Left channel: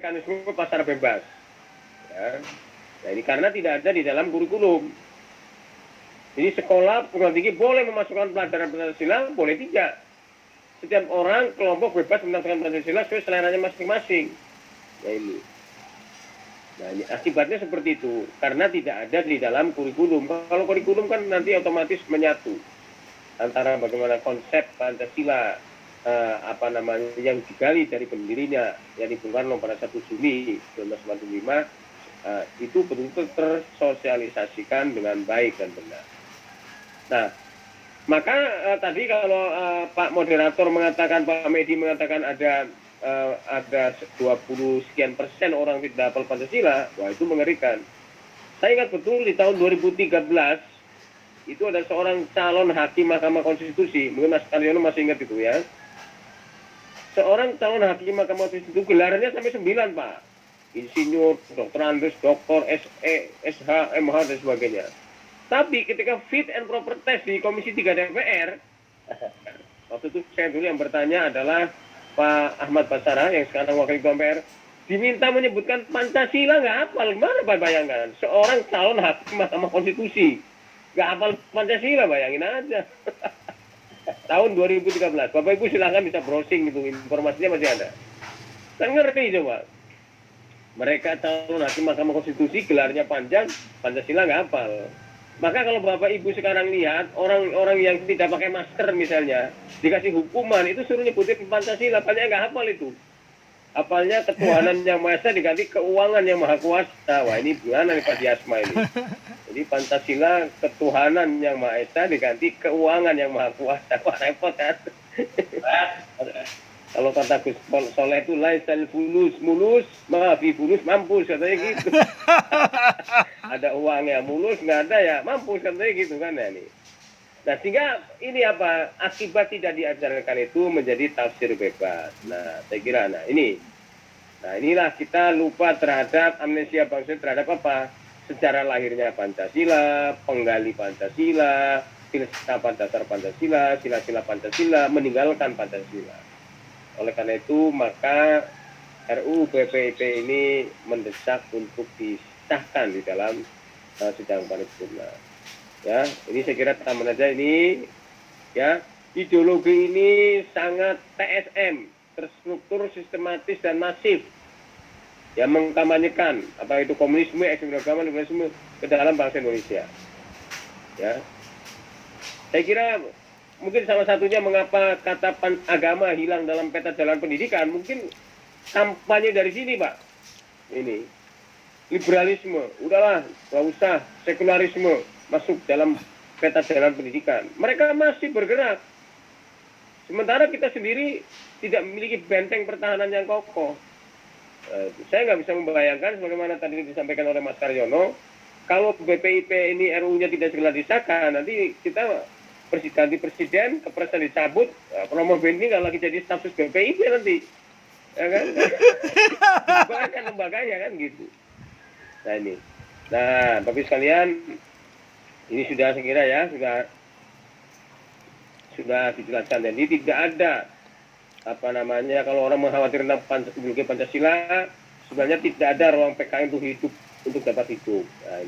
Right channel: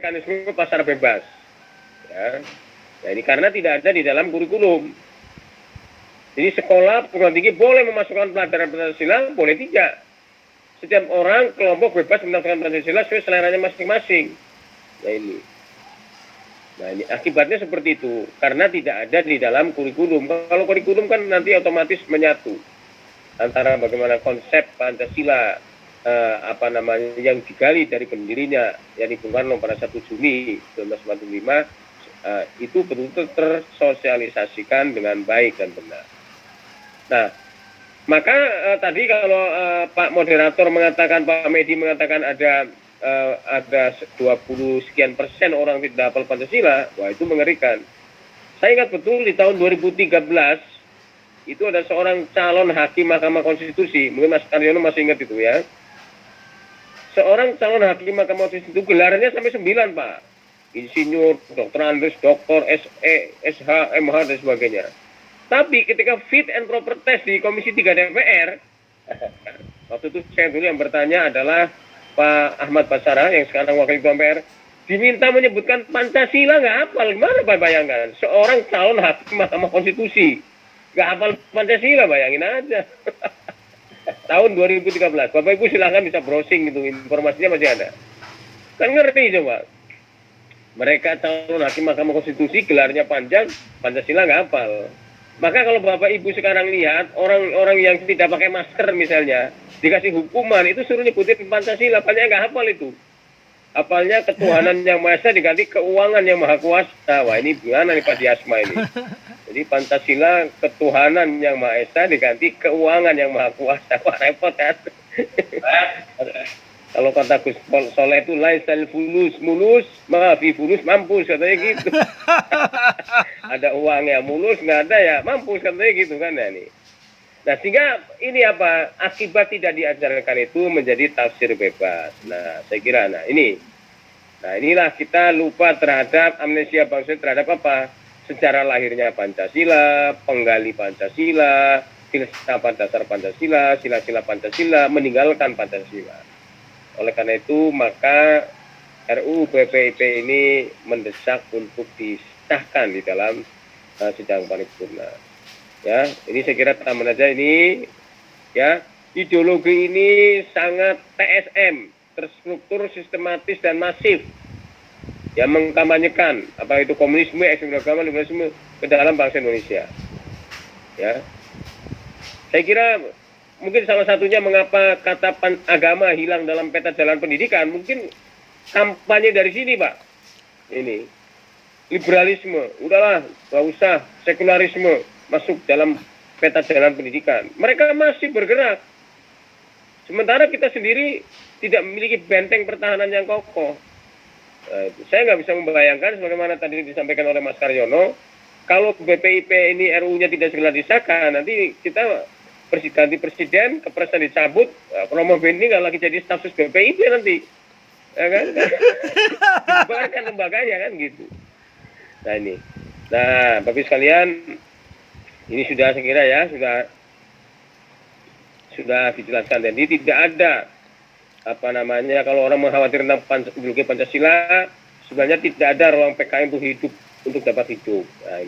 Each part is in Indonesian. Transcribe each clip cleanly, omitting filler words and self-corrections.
mekanisme pasar bebas. Ya. Ya, ini karena tidak ada di dalam kurikulum. Jadi sekolah perguruan tinggi boleh memasukkan pelajaran Pancasila, boleh tidak. Setiap orang kelompok bebas memasukkan Pancasila sesuai seleranya masing-masing. Nah ini. Nah ini akibatnya seperti itu. Karena tidak ada di dalam kurikulum. Kalau kurikulum kan nanti otomatis menyatu antara bagaimana konsep Pancasila yang digali dari pendirinya, yang Bung Karno pada 1 Juni 1945 itu betul-betul tersosialisasikan dengan baik dan benar. Nah, maka tadi kalau Pak Moderator mengatakan, Pak Medi mengatakan ada 20 sekian persen orang tidak hafal Pancasila, wah itu mengerikan. Saya ingat betul di tahun 2013 itu ada seorang calon hakim Mahkamah Konstitusi, mungkin Mas Karyono masih ingat itu ya. Seorang calon hakim Mahkamah Konstitusi itu gelarnya sampai 9, Pak. Insinyur, dokter Andes, doktor, SE, SH, MH, dan sebagainya. Tapi ketika fit and proper test di Komisi 3 DPR, waktu itu saya dulu yang bertanya adalah Pak Ahmad Basara, yang sekarang Wakil Ketua MPR, diminta menyebutkan Pancasila, nggak hafal. Gimana Pak bayangkan? Seorang calon hakim Mahkamah Konstitusi, nggak hafal Pancasila, bayangin aja. Tahun 2013, Bapak Ibu silahkan bisa browsing gitu, informasinya masih ada. Kan ngerti coba. Mereka calon hakim Mahkamah Konstitusi gelarnya panjang, Pancasila nggak hafal. Maka kalau Bapak Ibu sekarang lihat orang-orang yang tidak pakai masker misalnya dikasih hukuman itu suruh nyebutin Pancasila, padahal nggak hafal itu. Hafalnya ketuhanan yang Maha Esa diganti keuangan yang Maha Kuasa. Wah ini gimana nih Pak Diasma ini? Jadi Pancasila ketuhanan yang Maha Esa diganti keuangan yang Maha Kuasa. Wah repot kan? Kalau kata Gus Soleh itu laisal fulus mulus, maafi fulus mampus katanya gitu. Ada uangnya mulus, nggak ada ya mampus katanya gitu kan ya nih. Nah sehingga ini apa akibat tidak diajarkan itu menjadi tafsir bebas. Nah saya kira inilah kita lupa terhadap amnesia bangsa terhadap apa sejarah lahirnya Pancasila, penggali Pancasila, filsafat dasar Pancasila, sila-sila Pancasila, meninggalkan Pancasila. Oleh karena itu maka RUU PPIP ini mendesak untuk disahkan di dalam sidang paripurna. Ya, ini saya kira tambahan aja ini. Ya, ideologi ini sangat TSM, terstruktur, sistematis dan masif. Ya, mengkampanyekan apa itu komunisme, ekstremisme agama, liberalisme ke dalam bangsa Indonesia. Ya, saya kira mungkin salah satunya mengapa kata agama hilang dalam peta jalan pendidikan, mungkin kampanye dari sini, Pak. Ini liberalisme, udahlah, nggak usah sekularisme masuk dalam peta jalan pendidikan. Mereka masih bergerak. Sementara kita sendiri tidak memiliki benteng pertahanan yang kokoh. Saya nggak bisa membayangkan, sebagaimana tadi disampaikan oleh Mas Karyono, kalau BPIP ini RU-nya tidak segera disahkan, nanti kita ganti presiden, kepresan dicabut, Romo Beni nggak lagi jadi stafsus BPIP nanti. Ya kan? Dibubarkan lembaganya kan gitu. Nah ini. Nah, Bapak sekalian, ini sudah saya kira ya, sudah dijelaskan. Jadi tidak ada kalau orang mengkhawatir tentang ideologi Pancasila, sebenarnya tidak ada ruang PKI untuk dapat hidup. Nah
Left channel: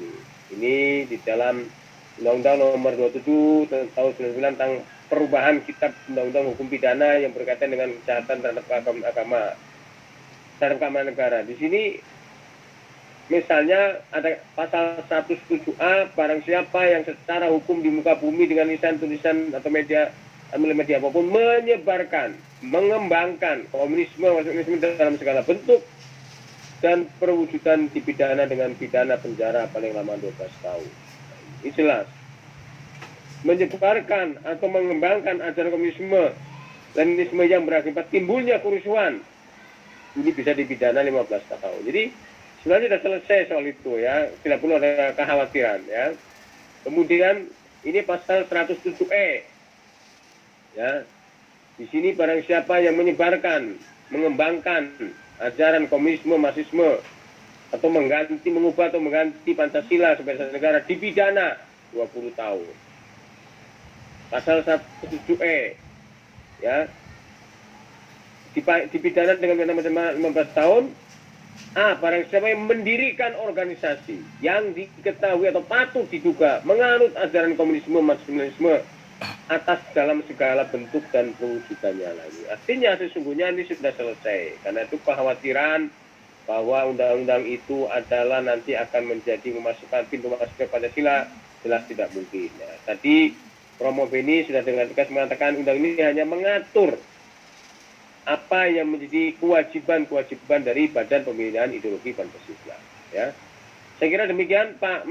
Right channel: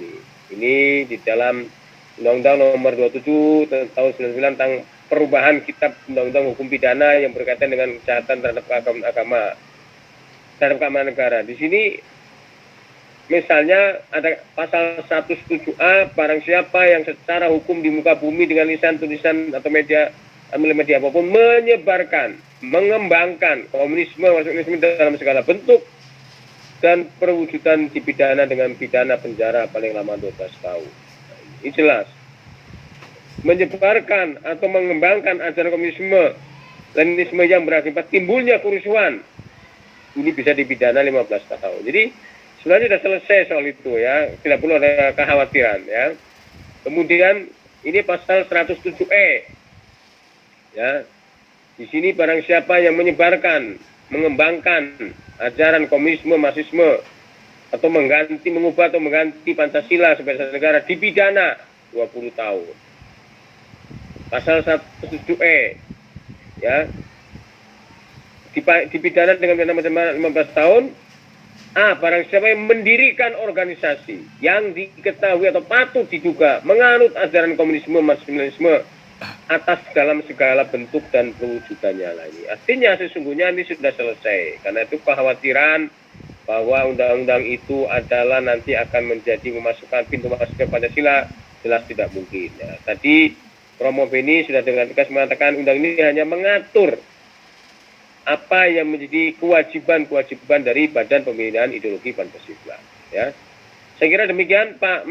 ini di dalam Undang-Undang Nomor 27 tahun 99 tentang perubahan Kitab Undang-Undang Hukum Pidana yang berkaitan dengan kejahatan terhadap keamanan negara. Di sini misalnya ada pasal 107A, barang siapa yang secara hukum di muka bumi dengan lisan, tulisan atau media apapun menyebarkan, mengembangkan komunisme dalam segala bentuk dan perwujudan dipidana dengan pidana penjara paling lama 12 tahun. Ini jelas. Menyebarkan atau mengembangkan ajaran komunisme, Leninisme yang berakibat timbulnya kerusuhan, ini bisa dipidana 15 tahun. Jadi sebenarnya sudah selesai soal itu ya, tidak perlu ada kekhawatiran ya. Kemudian ini pasal 107E ya. Di sini barang siapa yang menyebarkan, mengembangkan ajaran komunisme, marxisme atau mengubah atau mengganti Pancasila sebagai negara dipidana 20 tahun. Pasal 107E ya. Dipidana dengan pidana 15 tahun Barang siapa yang mendirikan organisasi yang diketahui atau patut diduga menganut ajaran komunisme, marxisme atas dalam segala bentuk dan perwujudannya lagi. Artinya sesungguhnya ini sudah selesai. Karena itu kekhawatiran bahwa undang-undang itu adalah nanti akan menjadi memasukkan pintu masuk ke Pancasila jelas tidak mungkin. Ya. Tadi Romo Beni sudah dengan tegas mengatakan undang ini hanya mengatur apa yang menjadi kewajiban-kewajiban dari Badan Pembinaan Ideologi Pancasila. Ya, saya kira demikian Pak